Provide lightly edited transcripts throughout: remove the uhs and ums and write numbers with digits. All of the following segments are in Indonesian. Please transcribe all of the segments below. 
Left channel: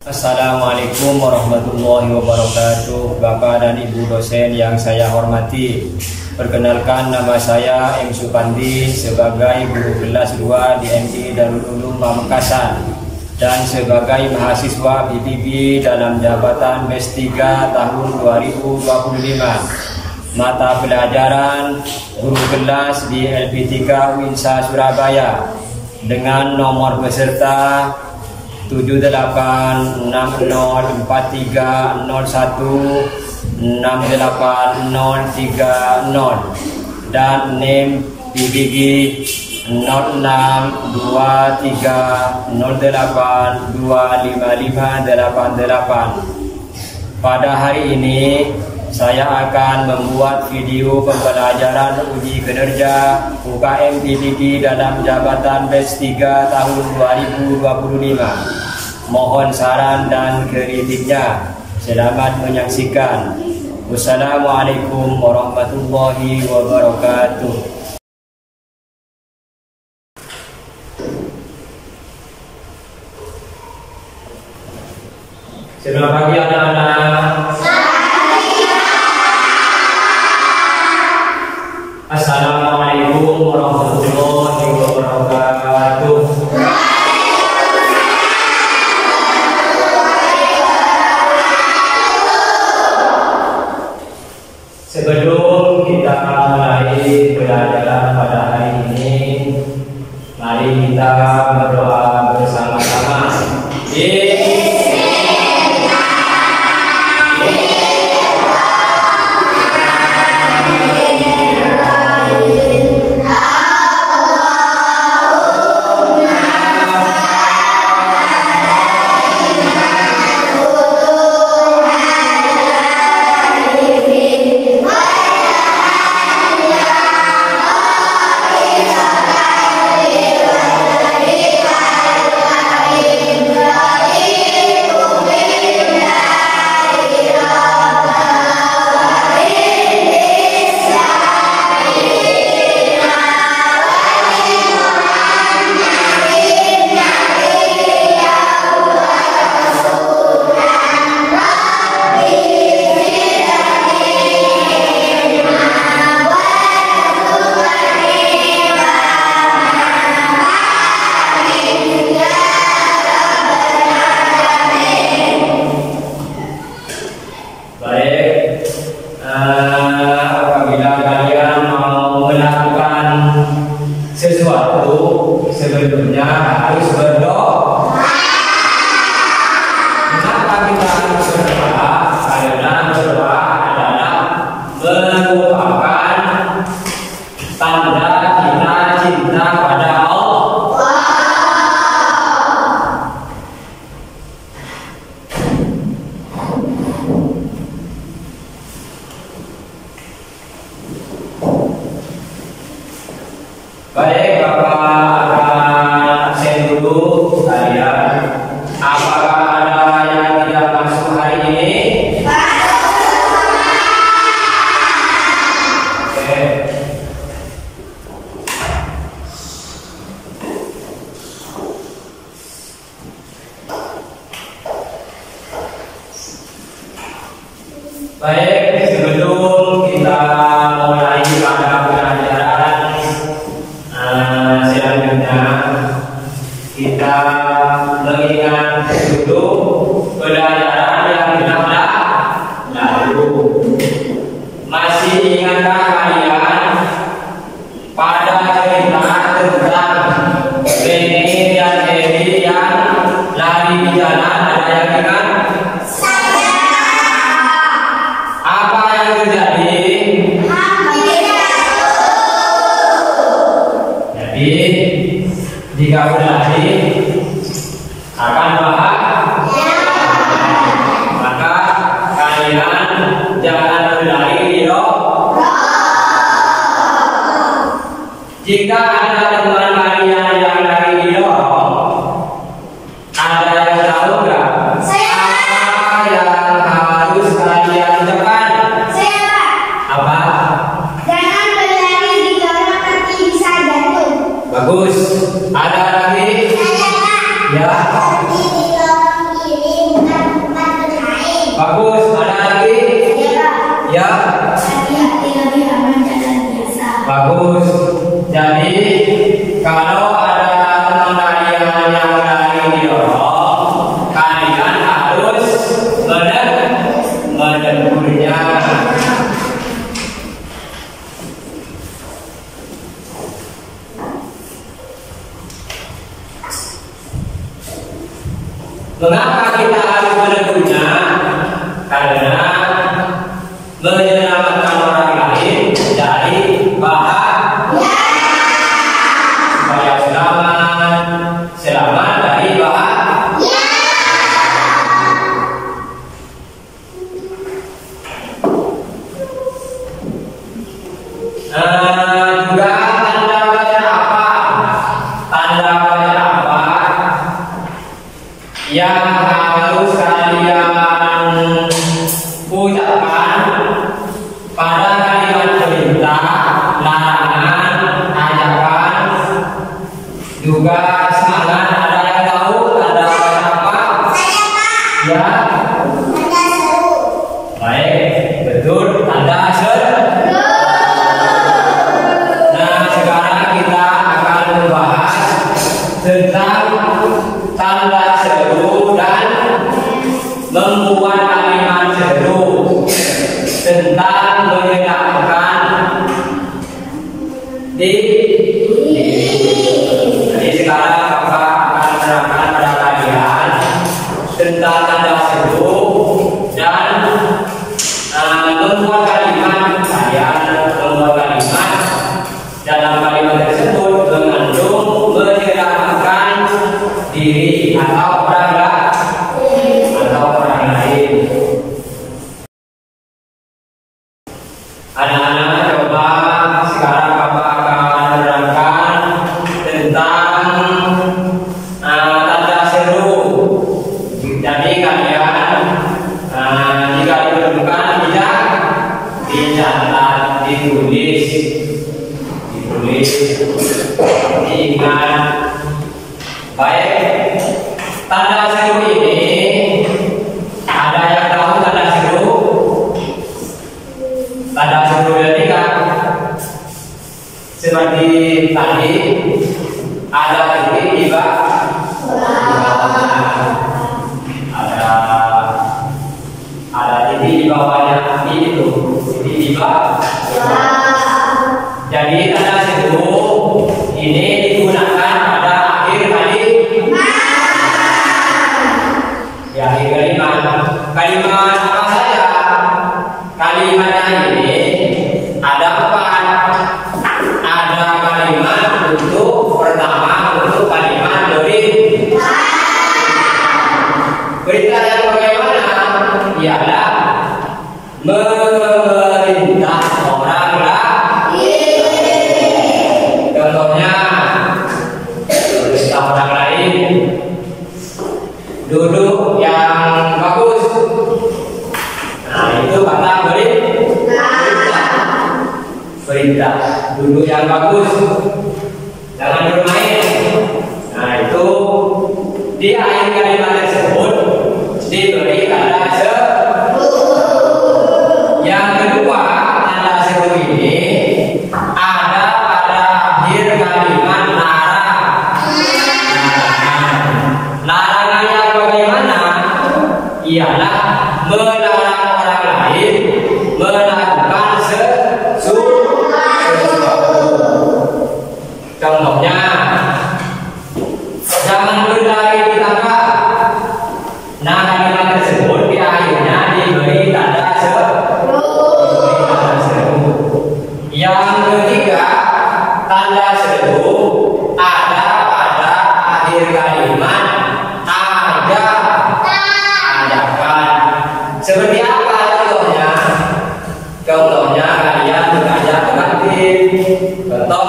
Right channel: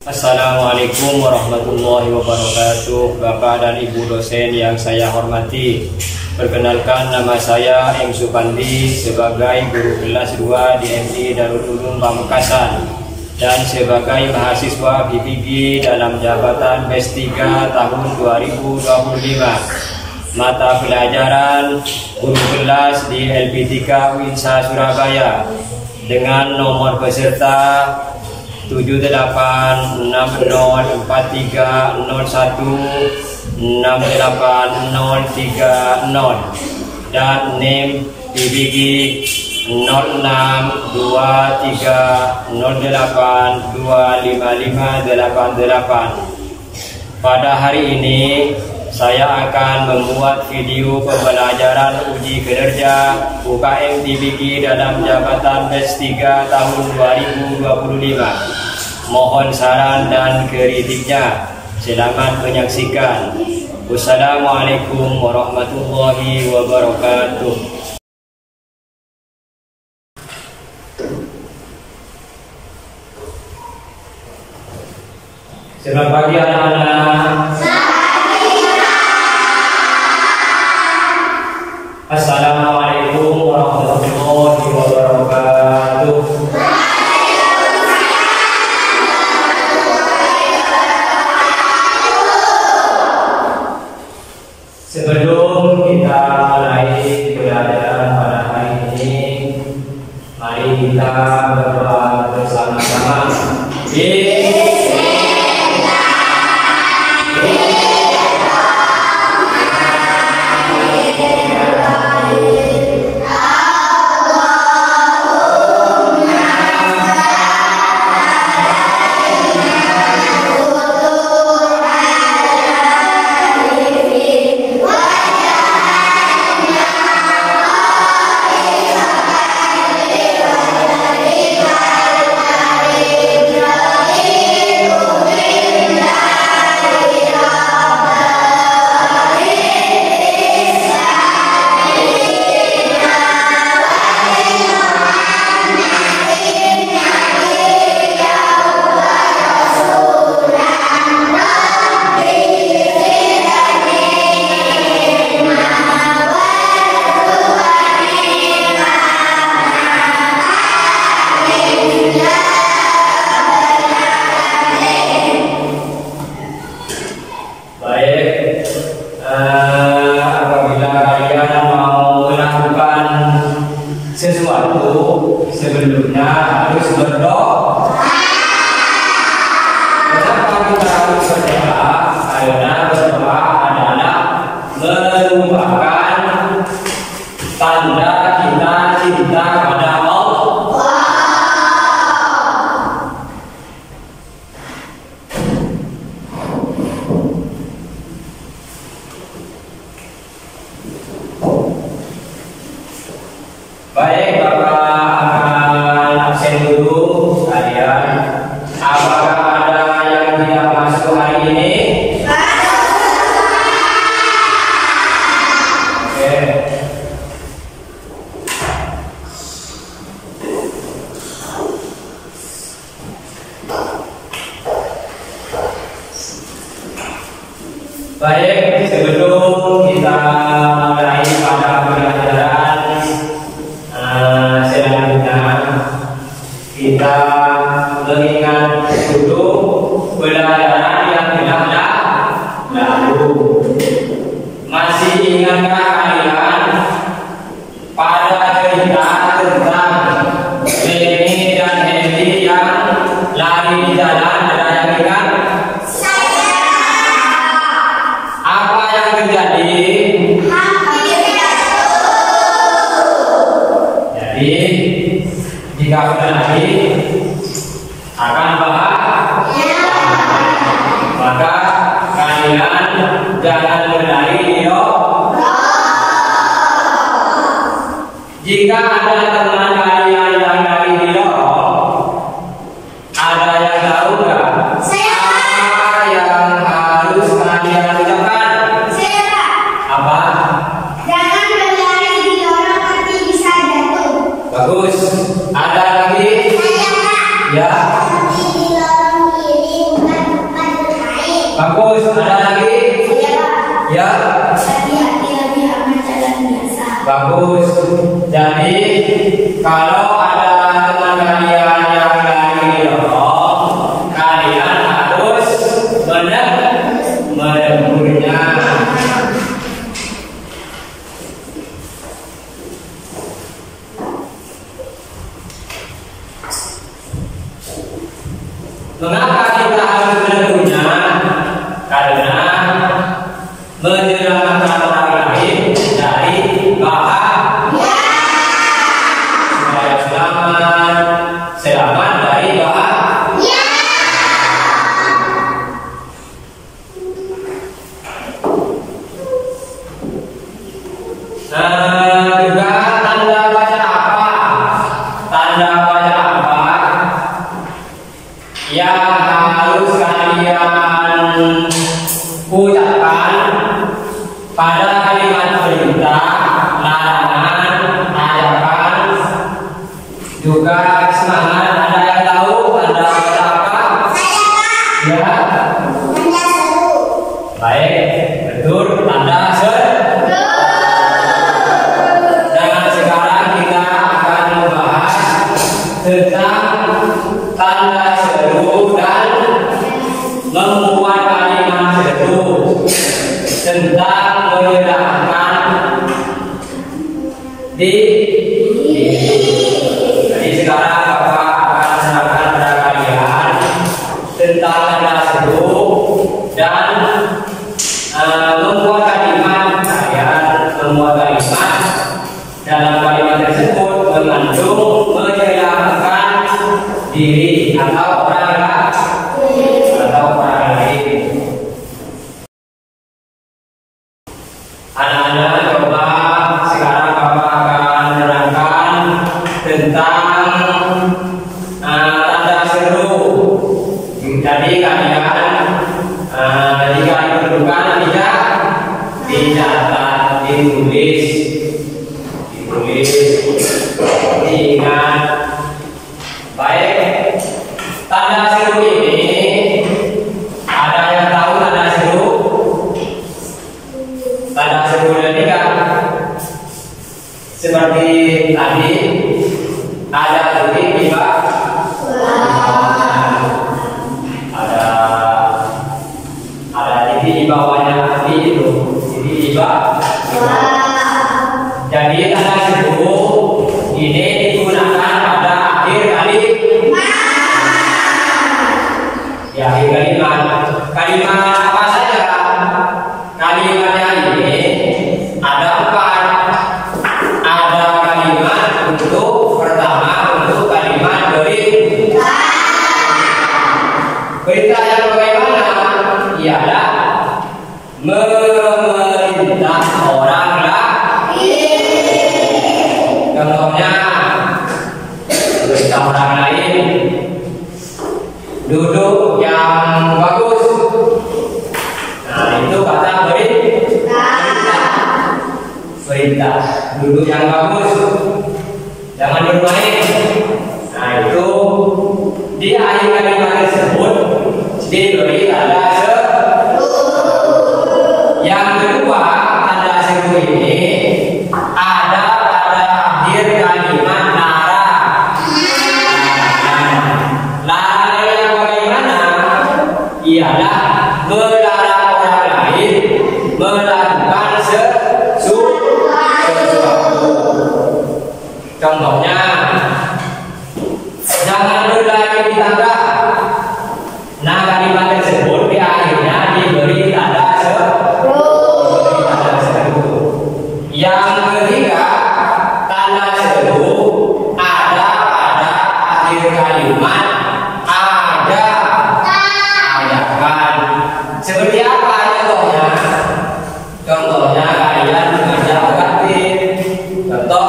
Assalamualaikum warahmatullahi wabarakatuh. Bapak dan Ibu dosen yang saya hormati, perkenalkan nama saya M. Supandi sebagai guru kelas 2 di MI Darul Ulum Pamekasan dan sebagai mahasiswa PPG dalam jabatan BES 3 tahun 2025. Mata pelajaran guru kelas di LP3 Winsa Surabaya dengan nomor peserta 786041680330 dan NIM PPG 062308255888. Pada hari ini saya akan membuat video pembelajaran uji kinerja UKM PPG dalam jabatan BES 3 tahun 2025. Mohon saran dan kritiknya. Selamat menyaksikan. Wassalamualaikum warahmatullahi wabarakatuh. Selamat pagi anak-anak. Assalamualaikum warahmatullahi wabarakatuh. Sebelum kita mulai pelajaran pada hari ini, mari kita berdoa bersama-sama. Apabila kalian mau melakukan sesuatu, sebelumnya harus berdoa. Kenapa kita harus berdoa? Karena berdoa adalah merupakan tanda kita cinta pada Allah. Baik, Bapak akan absen dulu kalian. Apakah ada yang tidak masuk hari ini? Oke. Baik, sebelum kita mulai pada pelajaran selanjutnya, kita mengingat dulu pelajaran yang telah lalu. Masih ingatkah kalian pada cerita tentang Reni dan Hedi yang lari di jalan? Ada yang ingat? Apa yang terjadi? Jadi jika sudah lari akan bahagia, maka kalian jangan berlari di doa. Jika ada teman kalian yang lari di doa, ada yang tahu nggak? Apa yang harus kalian ucapkan? Apa? Jangan berlari di lorong nanti bisa jatuh. Bagus. Ada lagi? Saya, Kak. Ya. Di lorong ini Bagus. Ada lagi? Ya. Lebih aman jalan biasa. Bagus. Jadi kalau ada teman kalian yang lari didorong, kalian harus menegurnya. Mengapa kita harus menegurnya? Karena menyelamatkan orang lain dari bahaya. Supaya selamat dari bahaya. Juga tanda baca apa? Tanda baca apa yang harus kalian ucapkan pada kalimat perintah, larangan, ajakan, juga semangat? Ada yang tahu tanda baca apa? Ya. Tanda seru. Baik, betul, tanda seru. Nah, sekarang kita akan membahas tentang tanda seru dan membuat kalimat seru tentang menyenangkan diri. Jadi sekarang Bapak akan menerangkan pada kalian tentang tanda seru dan membuat kalimat dalam kalimat tersebut mengandung menyenangkan diri atau orang lain. Anak-anak, coba sekarang Bapak akan menerangkan tentang tanda seru. Jadi kalian jika diperlukan tidak dicatat, ditulis, diingat. Baik, tanda seru ini ada yang tahu tanda seru? Tanda seru ini kan seperti tadi ada titik di ada titik di bawahnya api itu, titik di bawah. Jadi tanda seru ini digunakan pada akhir kalimat apa saja? Kalimatnya ini ada 4. Ada kalimat untuk pertama untuk kalimat berita. Berita yang bagaimana? Ialah memerintah orang lain. Contohnya memerintah orang lain duduk yang bagus. Nah, itu kata berita. Duduk yang bagus, jangan bermain. Nah, itu di akhir kalimat tersebut diberi tanda seru. Yang kedua, tanda seru ini ada pada akhir kalimat larangan yang bagaimana? Ialah melarang orang lain melakukan sesuatu. Contohnya, jangan berlari di tangga. Nah, kalimat tersebut di akhirnya diberi tanda seru. Yang ketiga, tanda seru ada pada akhir kalimat ajakan. Seperti apa contohnya? Contohnya kalian mengajak ke kantin, contoh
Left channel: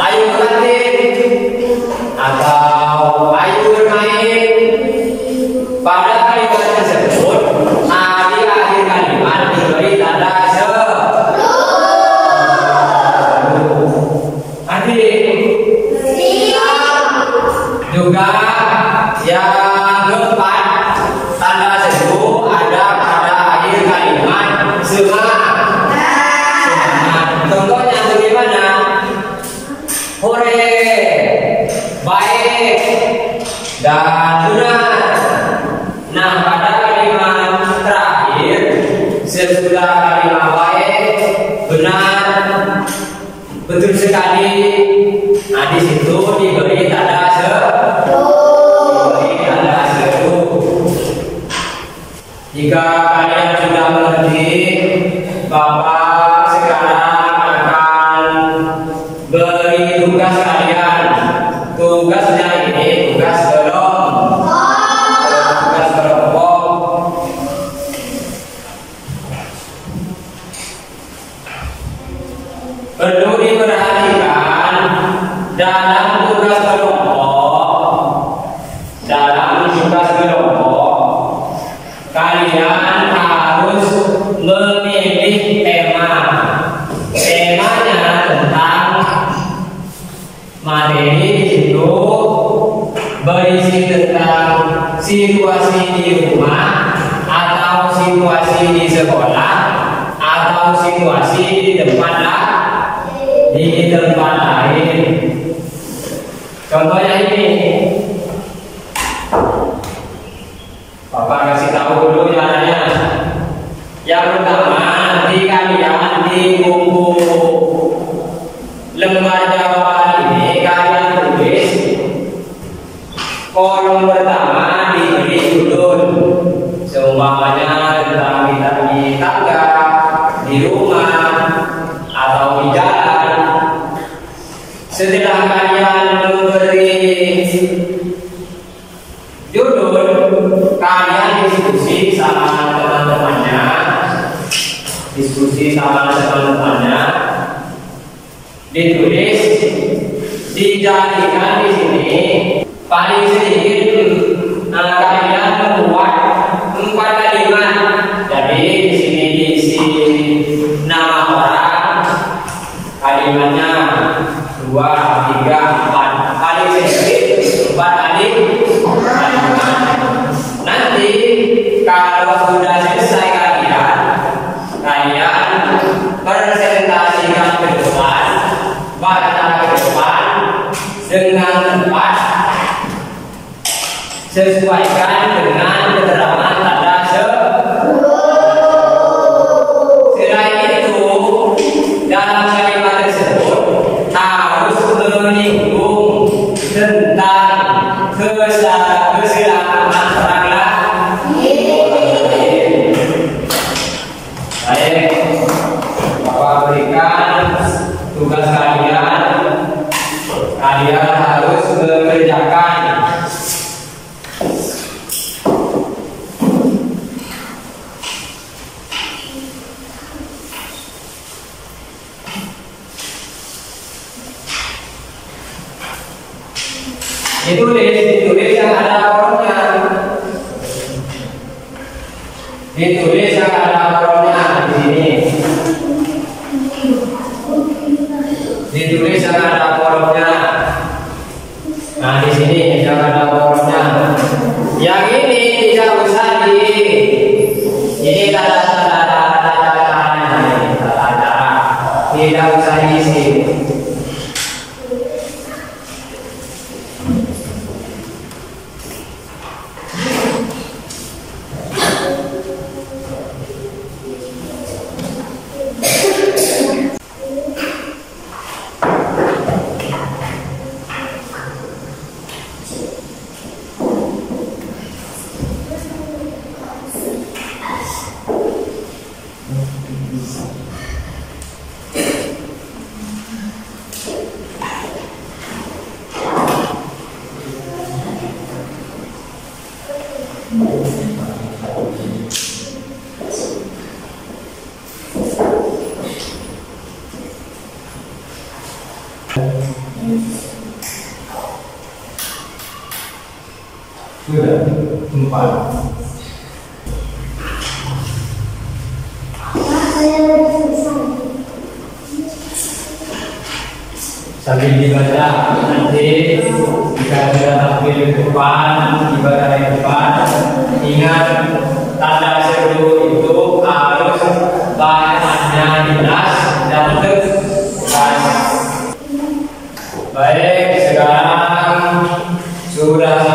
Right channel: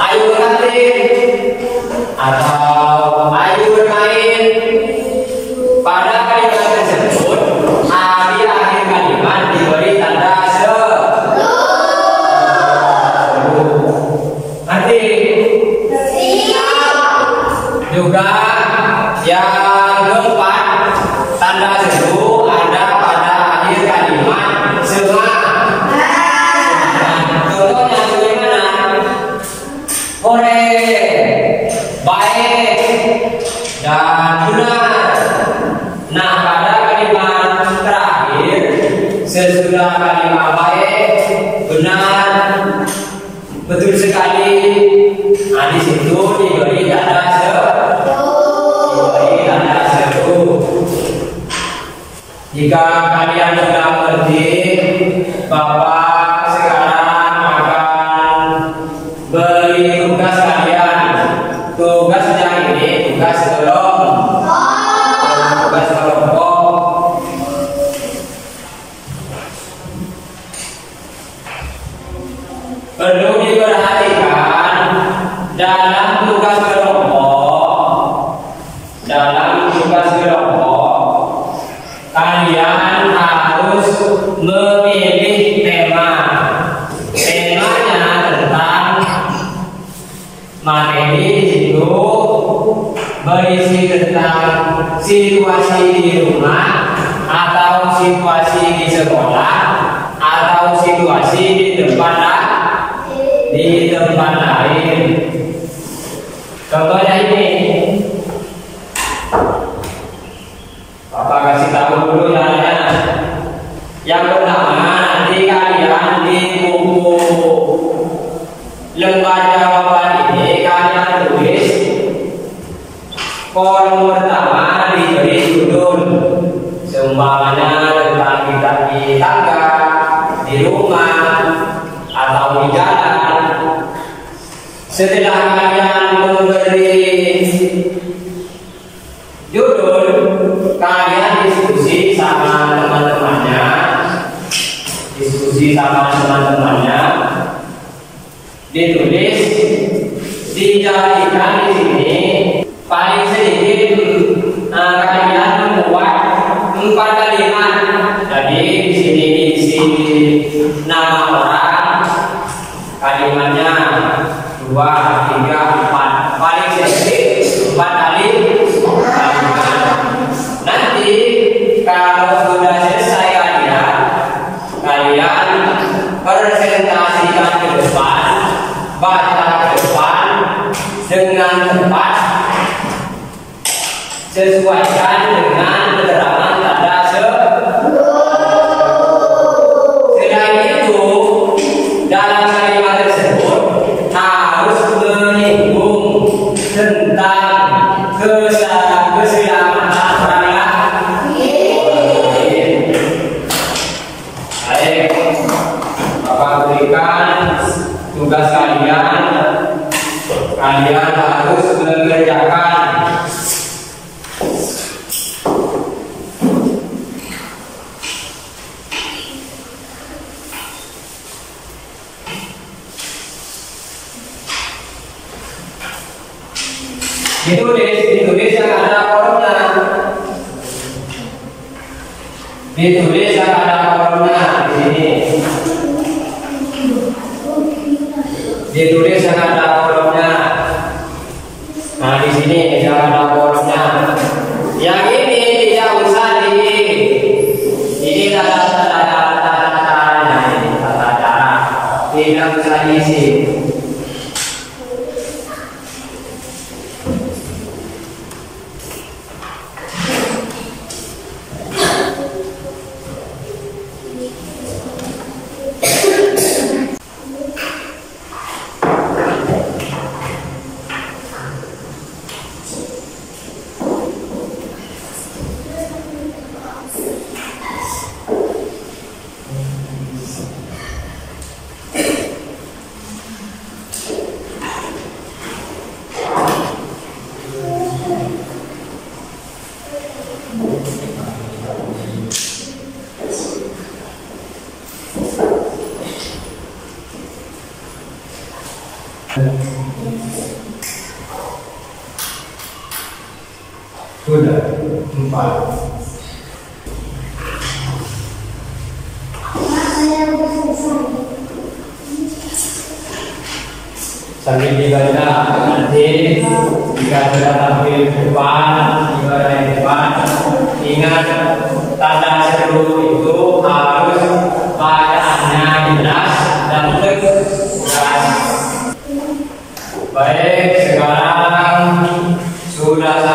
ayo ke kantin, atau ayo bermain. Pada kalimat tersebut di akhir kalimat diberi tanda seru. Nanti juga yang keempat, tanda seru ada pada Semangat. Contohnya bagaimana? Hore, baik dan benar. Nah, pada kalimat terakhir sesudah kalimat baik, benar, betul sekali. Nah, di situ diberi tanda seru. Jika kalian sudah mengerti, Bapak sekarang akan beri tugas kalian. Tugasnya ini tugas kelompok. Perlu diperhatikan dalam tugas kelompok, kalian harus memilih tema. Temanya tentang materi di situ berisi tentang situasi di rumah atau situasi di sekolah atau situasi di tempat lain. Contohnya ini, Bapak kasih tahu dulu caranya. Yang pertama, nanti kalian di buku lembar jawaban ini kalian tulis kolom pertama diberi judul, seumpamanya tentang kita di tangga, di rumah, atau di jalan. Setelah kalian memberi judul, kalian diskusi sama teman-temannya, ditulis, dijadikan di sini paling sedikit kalian membuat 4 kalimat. Jadi di sini diisi nama orang, kalimatnya 2, 3, 4, paling sedikit 4 kalimat. Nanti kalau sudah selesai kalian presentasikan ke depan, baca ke depan dengan tepat, sesuaikan dengan keterangan tanda seru. Selain itu, dalam kalimat tersebut harus menyinggung tentang keselamatan orang lain. Baik, Bapak berikan tugas kalian harus mengerjakan. Ditulis yang ada kolomnya. Ditulis yang ada kolomnya di sini. Ditulis yang ada kolomnya. Nah, di sini yang ada kolomnya. Yang ini tidak usah ini tata-tata, tidak usah diisi. Sudah 4. Sambil dibaca nanti jika sudah tampil di depan, ingat tanda seru itu harus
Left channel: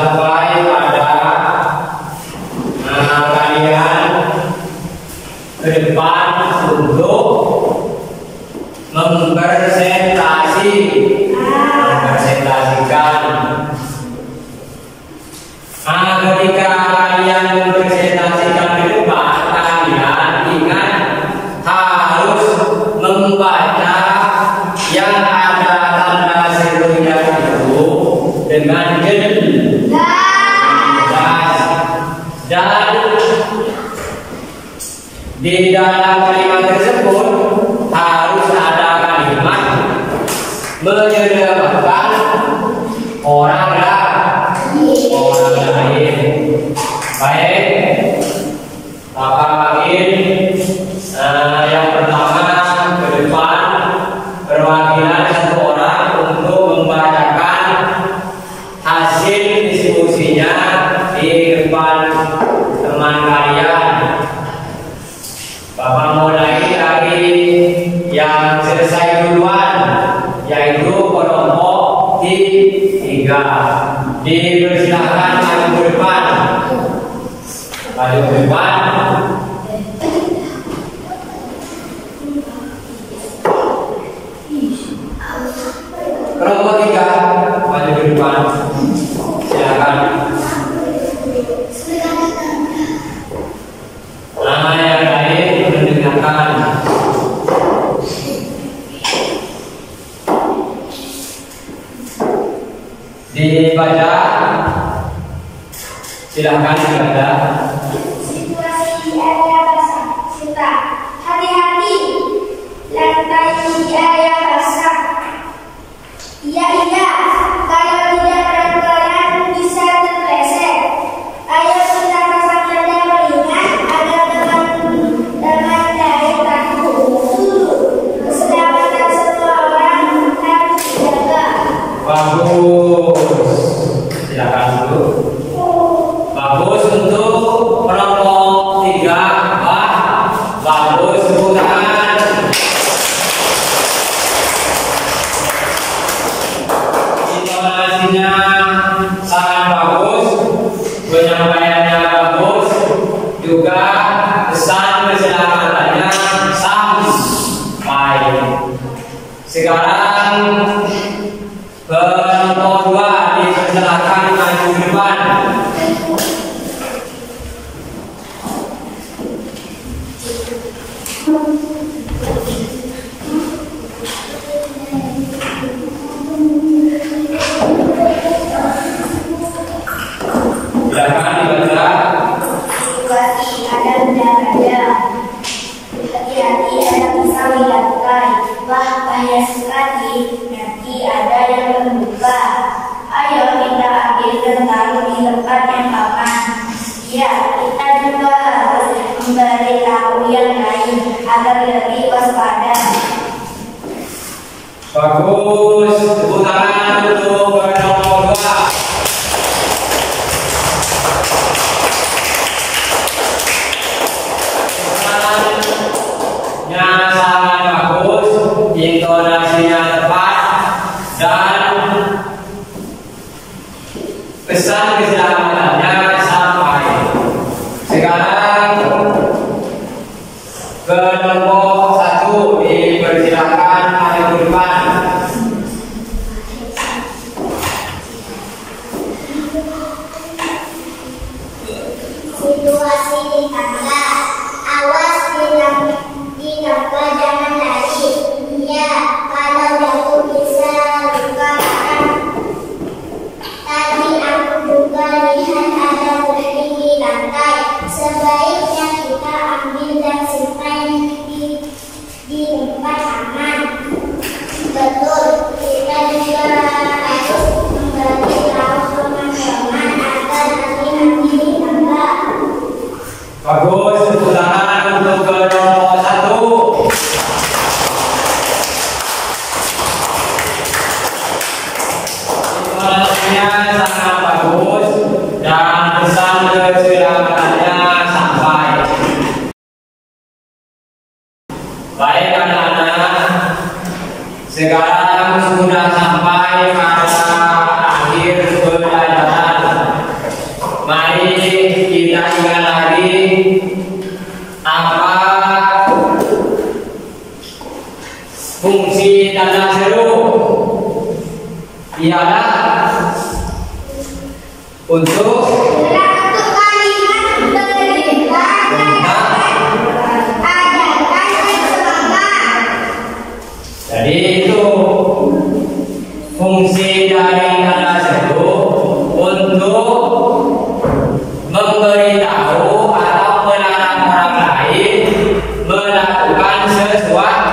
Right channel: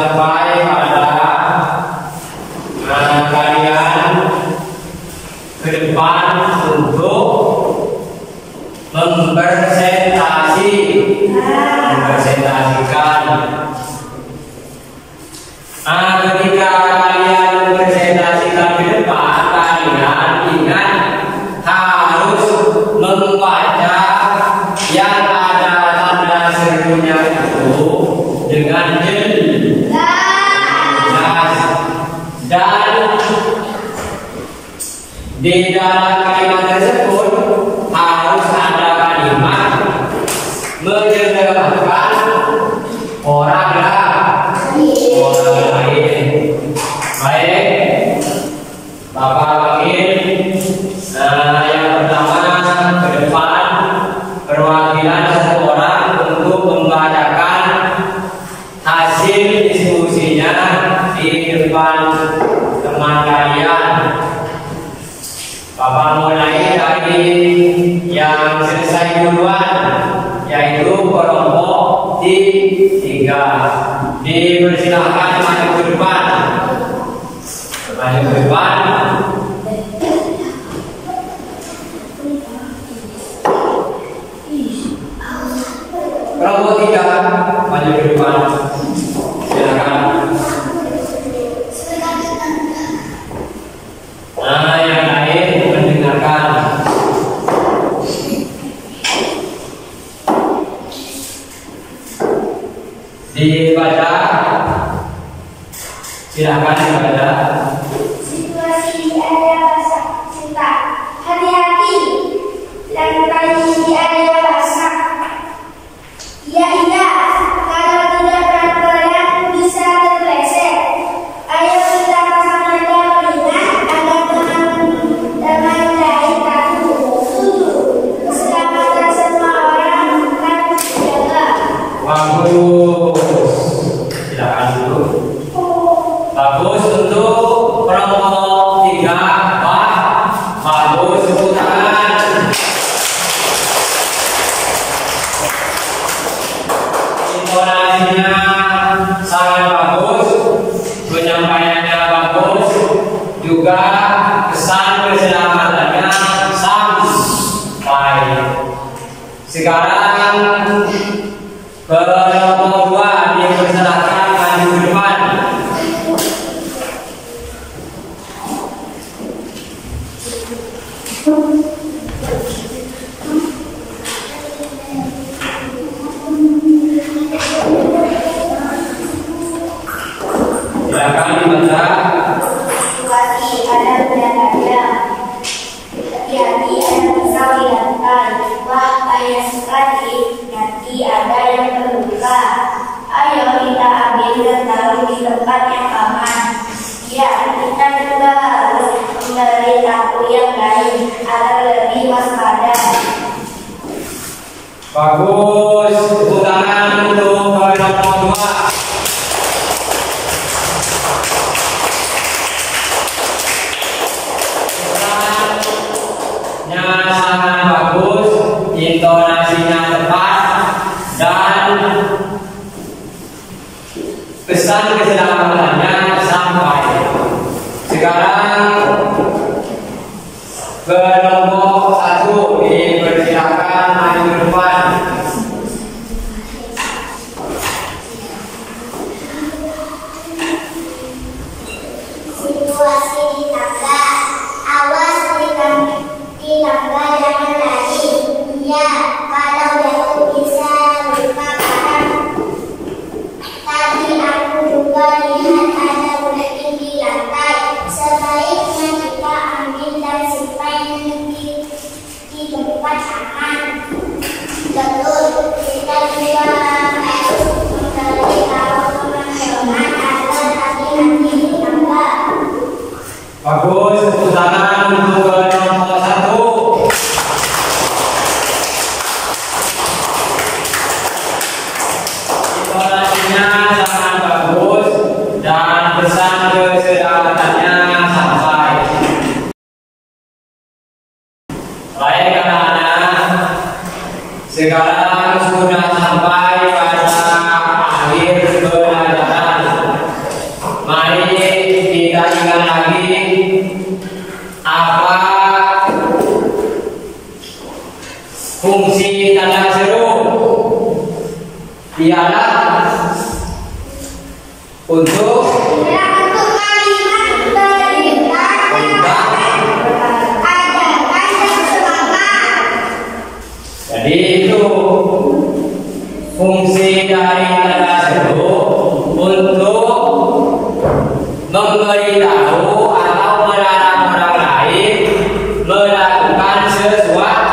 sampai pada kalian ke depan untuk mempresentasikan. Ketika kalian mempresentasikan ke depan, kalian ingat harus membaca yang ada tanda serunya itu dengan jelas, dan di dalam kalimat tersebut harus ada kalimat menyebutkan orang lain. Baik, Bapak Wakil, yang pertama ke depan perwakilan satu orang untuk membacakan hasil diskusinya di depan teman kalian. Bapak mulai dari yang selesai duluan, yaitu kelompok 3. Dipersilakan maju ke depan. Maju ke depan. Kelompok 3 maju ke depan. Silakan. Yang lain mendengarkan. Dibaca. Silakan dibaca. Situasi di area basah. Cinta. Hati-hati. Lantai di area basah. Iya. Kalau tidak pelan-pelan bisa terpleset. Ayo kita pasang tanda peringatan agar dengan dari takut. Keselamatan semua orang harus dijaga. Bagus. Silakan dulu. Bagus untuk kelompok 3. Bagus, tepuk tangan. Intonasinya sangat bagus, penyampaiannya bagus, juga pesan keselamatannya sampai. Sekarang kelompok 2 dipersilakan maju ke depan. Silakan dibaca. Situasi ada benda-benda. Hati-hati ada pisau di lantai. Wah, payah sekali. Nanti ada yang terluka. Ayo kita ambil dan taruh di tempat yang aman. Ya, kita juga harus memberitahu yang lain agar lebih waspada. Bagus, tepuk tangan untuk kelompok 2. Pesannya sangat bagus, intonasinya tepat, dan pesan keselamatannya sampai. Sekarang kelompok 1 dipersilakan maju ke depan. Situasi di tangga. Awas di tangga jangan lari. Iya, kalau jatuh bisa luka parah. Tadi aku juga lihat ada gunting di lantai. Sebaiknya kita ambil dan simpan di tempat aman. Betul, kita juga harus memberitahu teman-teman agar hati-hati di tangga. Bagus, tepuk tangan untuk kelompok 1. Intonasinya sangat bagus dan pesan keselamatannya sampai. Baik anak-anak, sekarang sudah sampai pada akhir pelajaran. untuk kalimat perintah adakan semangat. Jadi itu fungsi dari kata seru untuk memberitahu atau melarang orang lain melakukan sesuatu.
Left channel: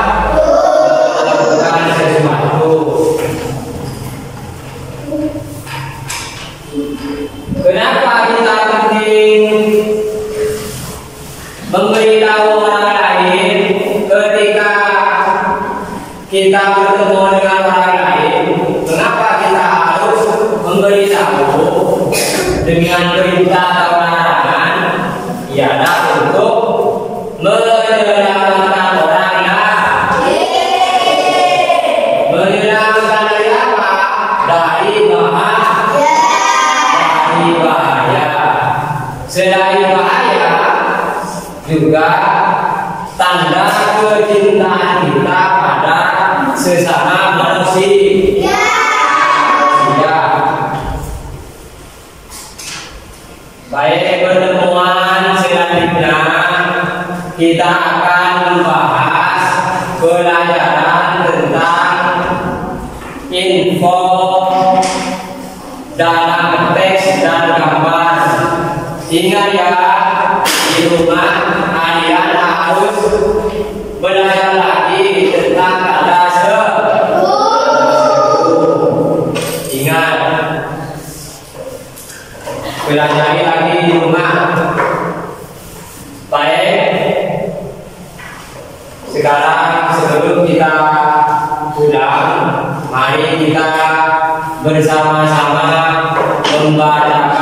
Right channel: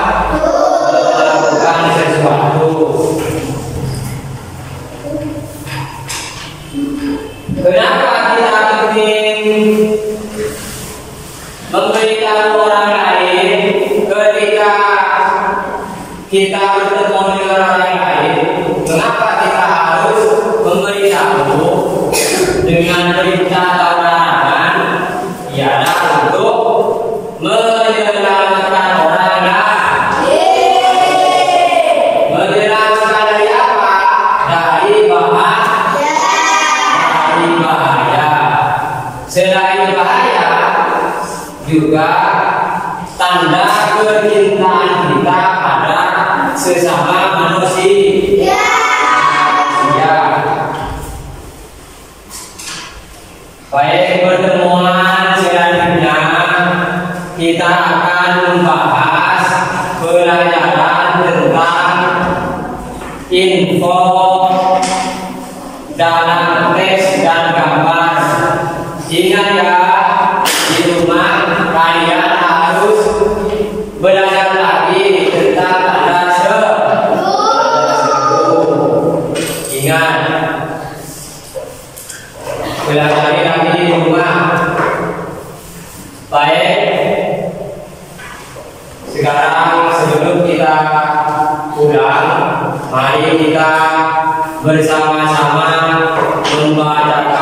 Kenapa kita penting memberitahu orang lain ketika kita bertemu dengan orang lain? Mengapa kita harus memberitahu dengan perintah atau larangan? Ialah untuk menyelamatkan orang lain. Menyelamatkan dari apa? Dari bahaya. Selain bahaya, juga tanda kecintaan kita pada sesama manusia. Baik, pertemuan selanjutnya kita akan membahas pelajaran tentang info dalam teks dan gambar. Ingat ya, di rumah kalian harus belajar lagi tentang tanda seru. Ingat, belajar lagi di rumah. Baik, sekarang sebelum kita pulang, mari kita bersama-sama membaca